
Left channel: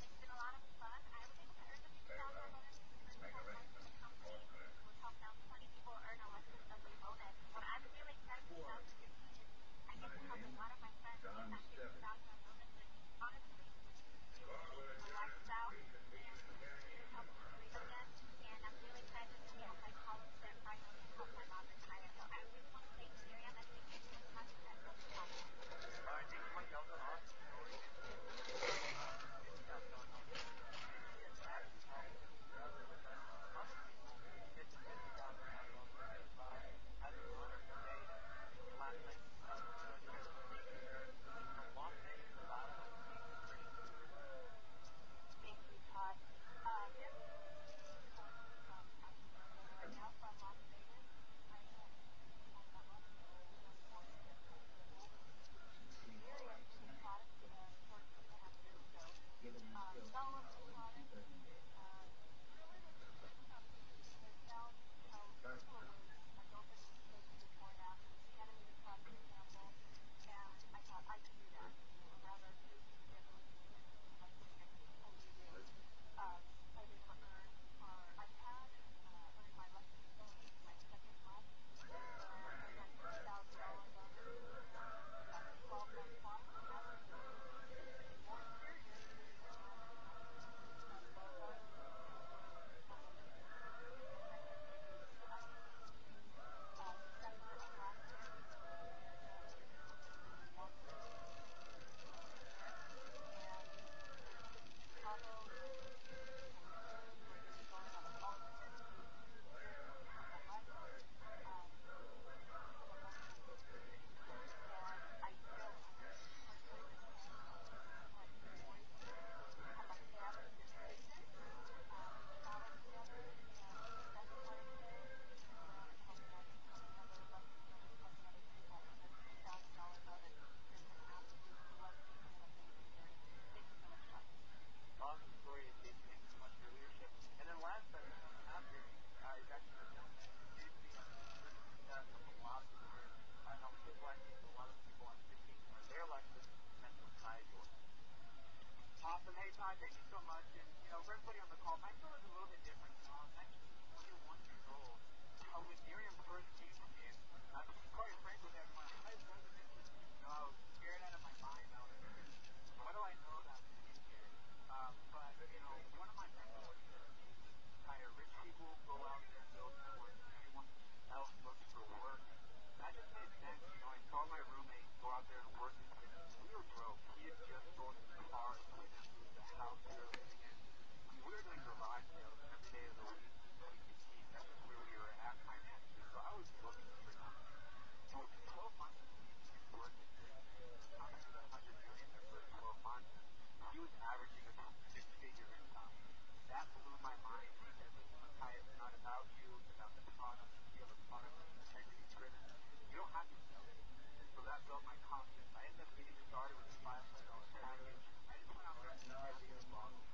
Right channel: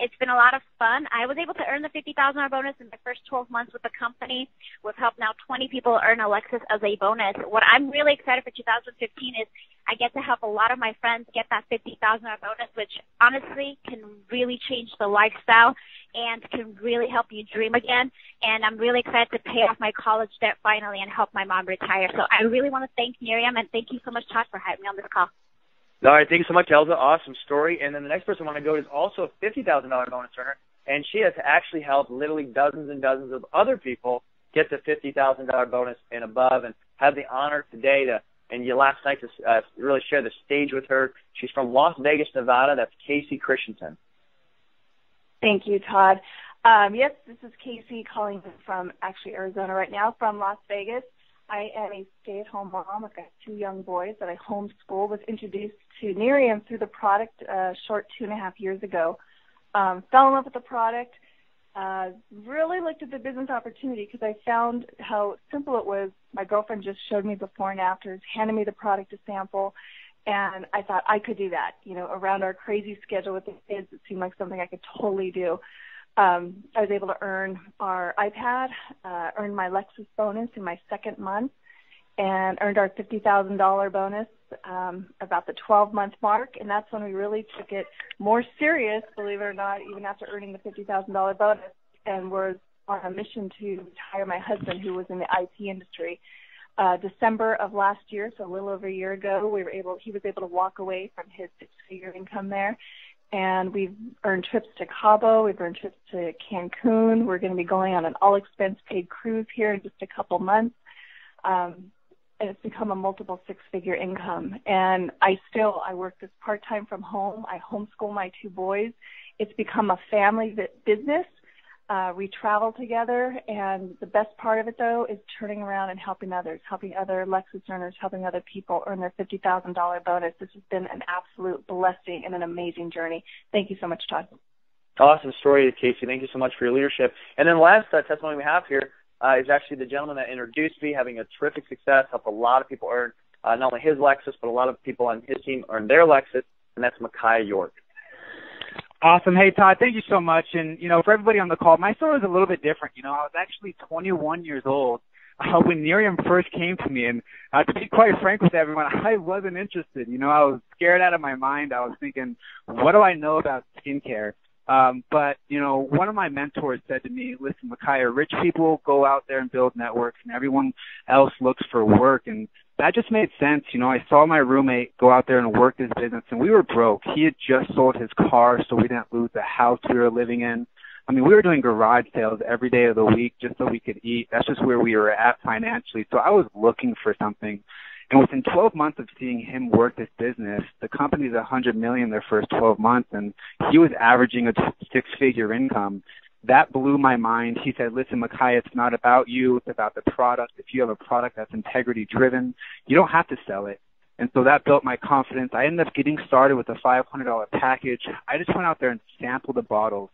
It's been a lot of fun. I was able to earn the $50,000 bonus in the first 12 months with the company. We've helped now 20 people earn a Lexus as a bonus. What I'm really excited for 2015 is I get to help a lot of my friends get that $50,000 bonus, which honestly can really change the lifestyle and can really help you dream again. And I'm really excited to pay off my college debt finally and help my mom retire. So I really want to thank Nerium, and thank you so much, Todd, for having me on this call. All right, thank you so much, Elza. Awesome story. And then the next person I want to go to is also a $50,000 bonus earner, and she has actually helped literally dozens and dozens of other people get the $50,000 bonus and above, and have the honor today last night to really share the stage with her. She's from Las Vegas, Nevada. That's Casey Christensen. Thank you, Todd. Yes, this is Casey calling from actually Arizona right now, from Las Vegas. I am a stay-at-home mom. I've got 2 young boys that I homeschool. Was introduced to Nerium through the product short 2.5 years ago. Fell in love with the product. Really looked at the business opportunity because I found how simple it was. My girlfriend just showed me before and afters, handed me the product to sample, and I thought I could do that. Around our crazy schedule with the kids, it seemed like something I could totally do. I was able to earn our iPad, earned my Lexus bonus in my second month, and earned our $50,000 bonus about the 12-month mark, and that's when we really took it more serious, believe it or not, even after earning the $50,000 bonus, and was on a mission to retire my husband, who was in the IT industry. December of last year, so a little over a year ago, he was able to walk away from his 6-figure income there. And we've earned trips to Cabo. We've earned trips to Cancun. We're going to be going on an all-expense-paid cruise here in just a couple months. and it's become a multiple six-figure income. And I work this part-time from home. I homeschool my two boys. It's become a family business. We travel together, and the best part of it, though, is turning around and helping others, helping other Lexus earners, helping other people earn their $50,000 bonus. This has been an absolute blessing and an amazing journey. Thank you so much, Todd. Awesome story, Casey. Thank you so much for your leadership. And then last testimony we have here is actually the gentleman that introduced me, having a terrific success, helped a lot of people earn not only his Lexus, but a lot of people on his team earn their Lexus, and that's Micaiah York. Awesome. Hey, Todd, thank you so much. And, for everybody on the call, my story is a little bit different. I was actually 21 years old when Nerium first came to me. And to be quite frank with everyone, I wasn't interested. I was scared out of my mind. I was thinking, what do I know about skincare? But one of my mentors said to me, listen, Micaiah, rich people go out there and build networks, and everyone else looks for work. And that just made sense. I saw my roommate go out there and work his business, and we were broke. He had just sold his car, so we didn't lose the house we were living in. I mean, we were doing garage sales every day of the week just so we could eat. That's just where we were at financially. So I was looking for something. And within 12 months of seeing him work this business, the company's $100 million their first 12 months, and he was averaging a six-figure income. That blew my mind. He said, listen, Micaiah, it's not about you. It's about the product. If you have a product that's integrity-driven, you don't have to sell it. And so that built my confidence. I ended up getting started with a $500 package. I just went out there and sampled the bottles.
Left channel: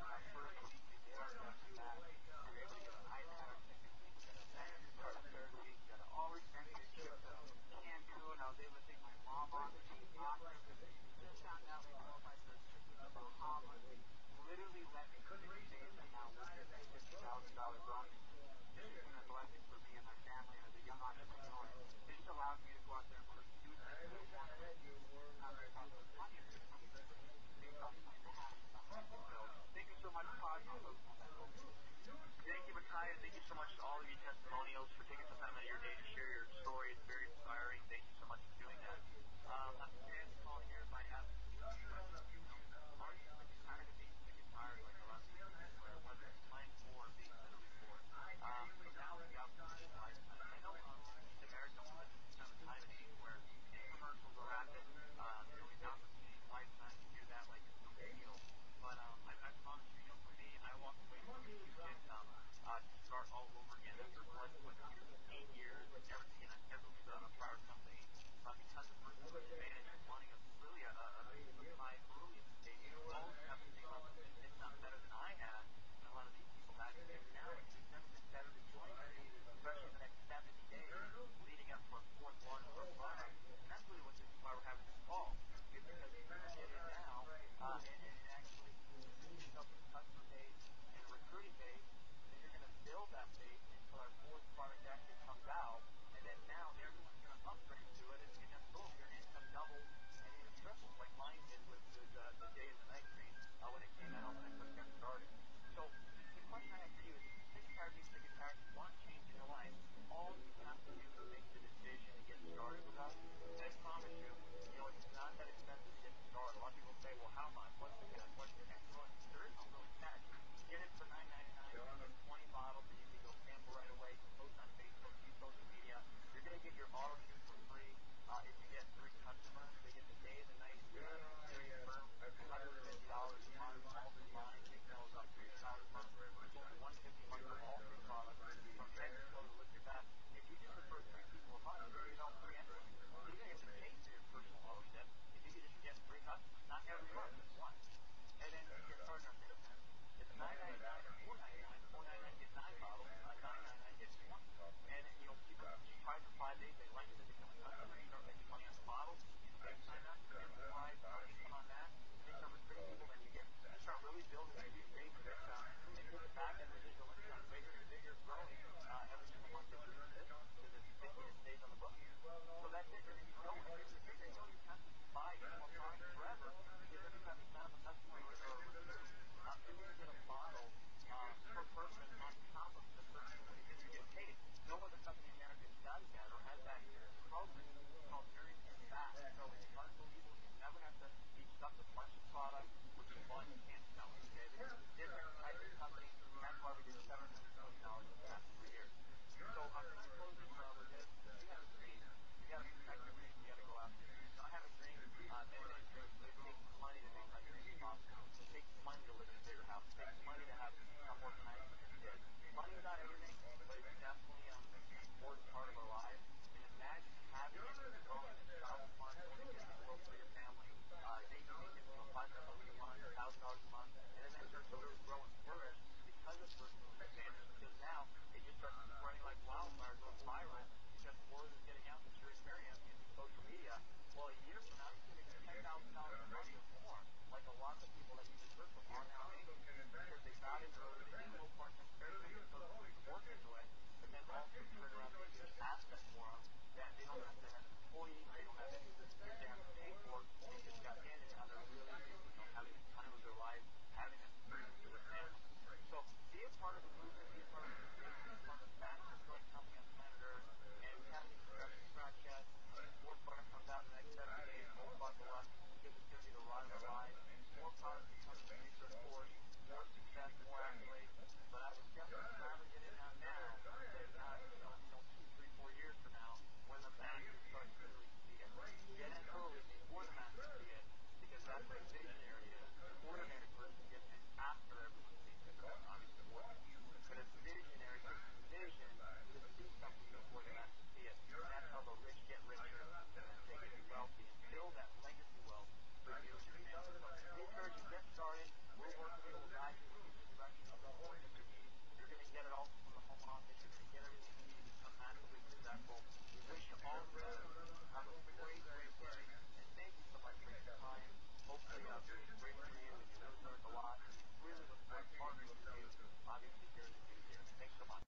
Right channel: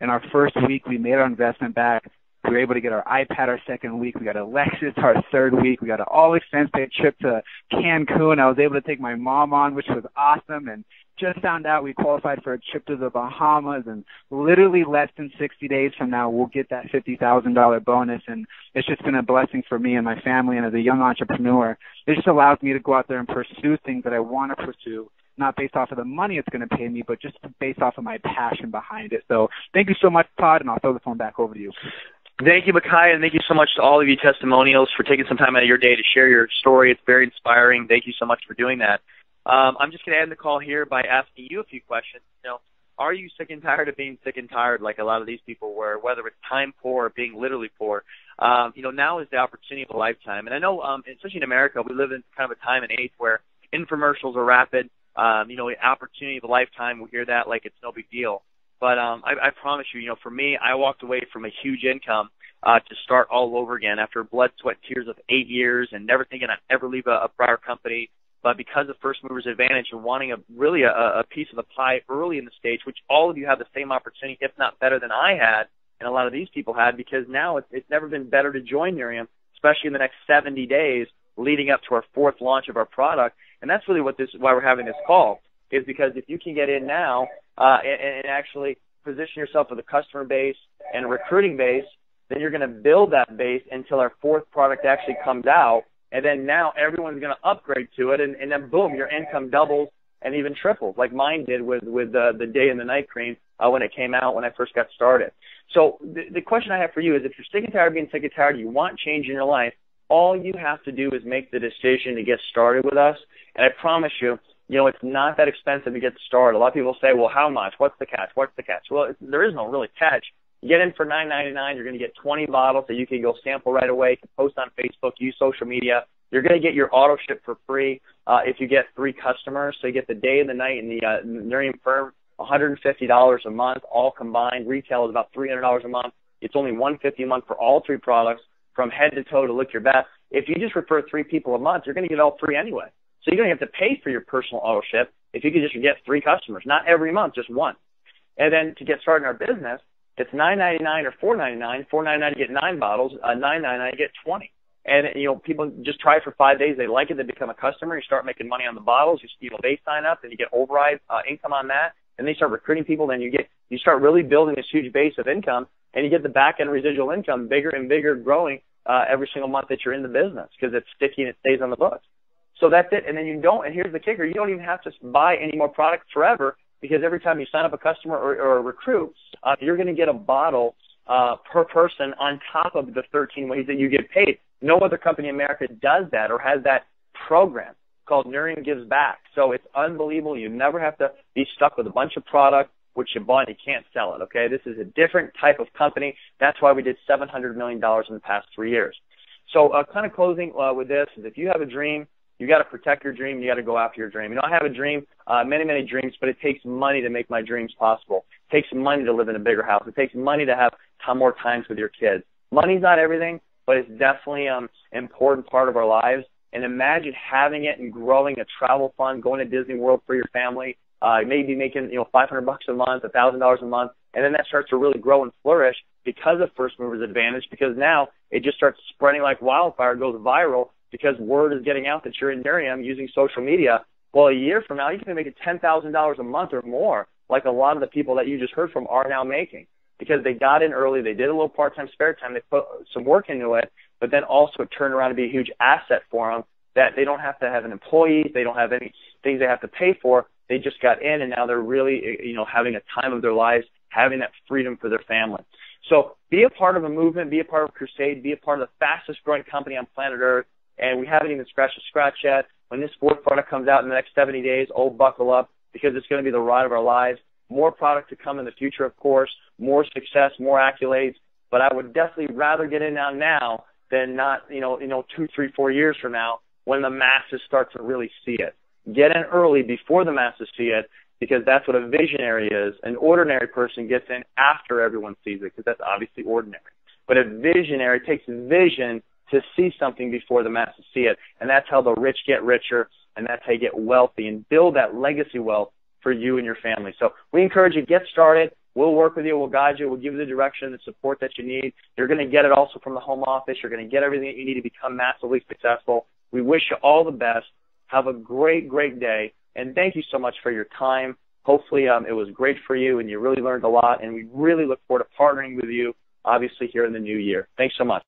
In our first week, we made our investment back. We were able to get our iPad our second week. We got a Lexus our third week. We got an all-expense-paid trip to Cancun. I was able to take my mom on, which was awesome. And just found out we qualified for a trip to the Bahamas, and literally less than 60 days from now, we'll get that $50,000 bonus, and it's just been a blessing for me and my family, and as a young entrepreneur, it just allows me to go out there and pursue things that I want to pursue, not based off of the money it's going to pay me, but just based off of my passion behind it. So thank you so much, Todd, and I'll throw the phone back over to you. Thank you, Micaiah, and thank you so much to all of you testimonials for taking some time out of your day to share your story. It's very inspiring. Thank you so much for doing that. I'm just going to end the call here by asking you a few questions. Are you sick and tired of being sick and tired like a lot of these people were, whether it's time poor or being literally poor? Now is the opportunity of a lifetime. And I know, especially in America, we live in kind of a time and age where infomercials are rapid. Opportunity of a lifetime, we hear that like it's no big deal. But I promise you, for me, I walked away from a huge income to start all over again after blood, sweat, tears of 8 years and never thinking I'd ever leave a prior company. But because of First Mover's Advantage and wanting a piece of the pie early in the stage, which all of you have the same opportunity, if not better than I had, and a lot of these people had, because now it's never been better to join Nerium, especially in the next 70 days leading up to our fourth launch of our product. And that's really why we're having this call, is because if you can get in now and actually position yourself with a customer base and a recruiting base, then you're going to build that base until our fourth product actually comes out. And then now everyone's going to upgrade to it, and then boom, your income doubles and even triples, like mine did with the day and the night cream when it came out when I first got started. So the question I have for you is, if you're sick and tired of being sick and tired, you want change in your life, all you have to do is make the decision to get started with us. And I promise you, it's not that expensive to get started. A lot of people say, well, how much? What's the catch? What's the catch? Well, there is no really catch. You get in for $9.99, you're going to get 20 bottles that you can go sample right away. You can post on Facebook, use social media. You're going to get your auto ship for free if you get 3 customers. So you get the day and the night and the Nerium firm, $150 a month, all combined. Retail is about $300 a month. It's only $150 a month for all 3 products, from head to toe to look your best. If you just refer 3 people a month, you're going to get all 3 anyway. So you don't have to pay for your personal auto ship if you could just get 3 customers, not every month, just 1. And then to get started in our business, it's $9.99 or $4.99. $4.99 to get 9 bottles. $9.99 to get 20. And people just try it for 5 days. They like it. They become a customer. You start making money on the bottles. They sign up, and you get override income on that. And they start recruiting people. Then you start really building this huge base of income, and you get the back end residual income bigger and bigger, growing every single month that you're in the business, because it's sticky and it stays on the books. So that's it. And then and here's the kicker, you don't even have to buy any more products forever, because every time you sign up a customer or a recruit, you're going to get a bottle per person on top of the 13 ways that you get paid. No other company in America does that or has that program called Nerium Gives Back. So it's unbelievable. You never have to be stuck with a bunch of product which you bought and you can't sell it, okay? This is a different type of company. That's why we did $700 million in the past 3 years. So kind of closing with this is if you have a dream, you got to protect your dream. You got to go after your dream. I have a dream, many, many dreams, but it takes money to make my dreams possible. It takes money to live in a bigger house. It takes money to have more times with your kids. Money's not everything, but it's definitely an important part of our lives. And imagine having it and growing a travel fund, going to Disney World for your family, maybe making $500 a month, $1,000 a month, and then that starts to really grow and flourish because of first movers advantage. Because now it just starts spreading like wildfire, goes viral because word is getting out that you're in Nerium using social media. Well, a year from now, you can be making $10,000 a month or more, like a lot of the people that you just heard from are now making, because they got in early, they did a little part-time spare time, they put some work into it, but then also it turned around to be a huge asset for them that they don't have to have an employee, they don't have any things they have to pay for. They just got in, and now they're really, having a time of their lives, having that freedom for their family. So be a part of a movement, be a part of a crusade, be a part of the fastest-growing company on planet Earth, and we haven't even scratched the scratch yet. When this fourth product comes out in the next 70 days, buckle up, because it's going to be the ride of our lives. More product to come in the future, of course, more success, more accolades, but I would definitely rather get in now than not, 2, 3, 4 years from now when the masses start to really see it. Get in early before the masses see it, because that's what a visionary is. An ordinary person gets in after everyone sees it, because that's obviously ordinary. But a visionary takes vision to see something before the masses see it, and that's how the rich get richer, and that's how you get wealthy and build that legacy wealth for you and your family. So we encourage you to get started. We'll work with you. We'll guide you. We'll give you the direction and support that you need. You're going to get it also from the home office. You're going to get everything that you need to become massively successful. We wish you all the best. Have a great, great day, and thank you so much for your time. Hopefully it was great for you, and you really learned a lot, and we really look forward to partnering with you, obviously, here in the new year. Thanks so much.